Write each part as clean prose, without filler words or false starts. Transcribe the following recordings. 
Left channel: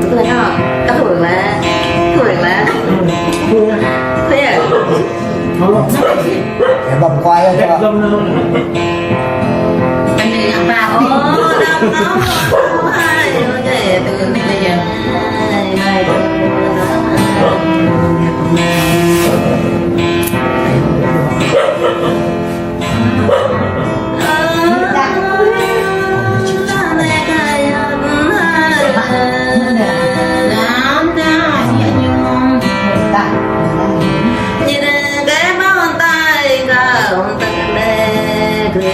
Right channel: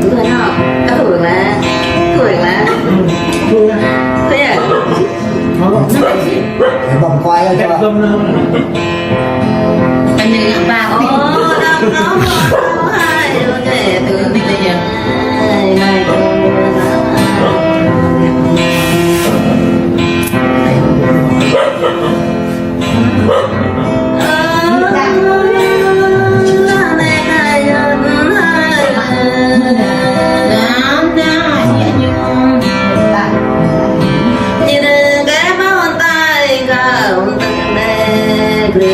Đúng rồi đó. Các thủ được mà. Thủ được mà. Thế à? Vòng quay Cái cho vâng nó không. Anh đi làm bà có. Hai đứa trẻ từ này đây nhỉ. Này Hãy subscribe cho kênh Ghiền Mì Gõ để không bỏ lỡ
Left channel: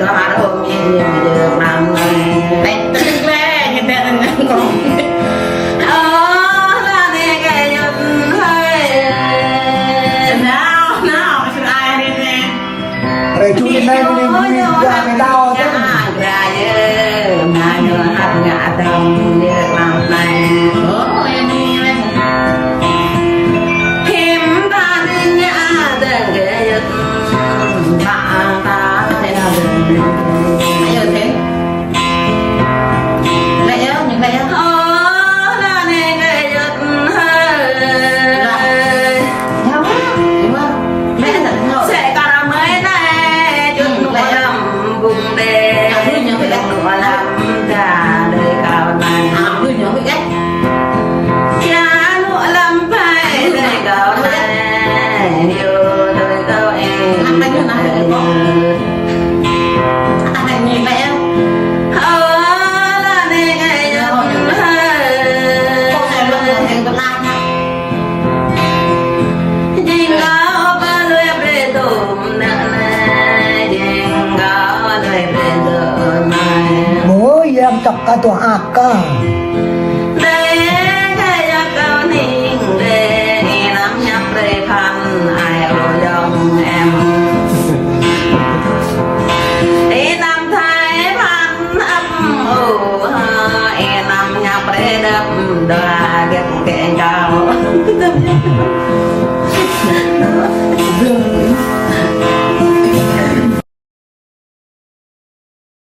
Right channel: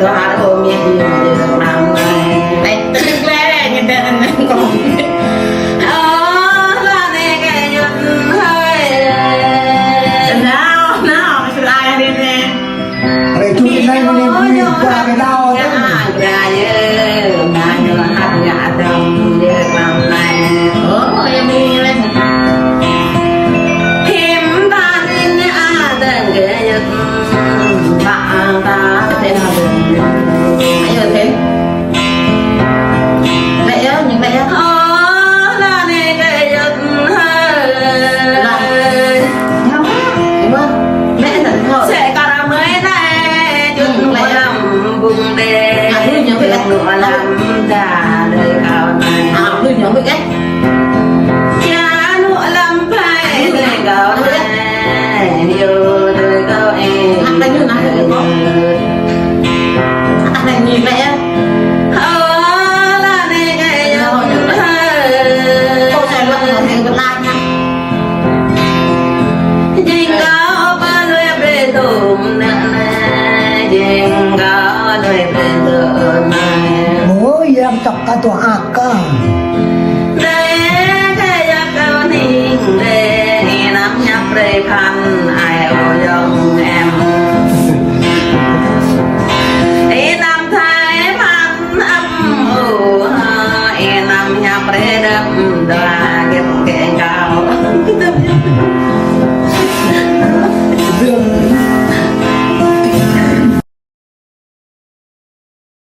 đó mà ôm nhìn được làm này Tên lẽ như tên anh còn là này cái giật hơi nào cái ai đi nè Rồi chú này mình qua cái đau ra mà nhờ hạt gà đồng để làm này em đi lên phim ta đi nhà đừng ghé giật bạn ta thế nào được hãy giờ thêm mẹ ơi những mẹ ơi là này cái giật hơi đúng không mẹ thật thôi sẽ có là mới này chút lại vùng đê nụ làm ra đời cao này cứ nhỏ với cách cha nụ làm phải đời cao này nhiều đời cao em ăn bánh như nào thì con ăn nhìn mẹ là đi ngày con này vẫn còn thành vẫn lại nha Jing cao ba nuôi bê tôm nè Jing cao nuôi bê tôm nè Ôi em chọc ta tuồng ạc cơ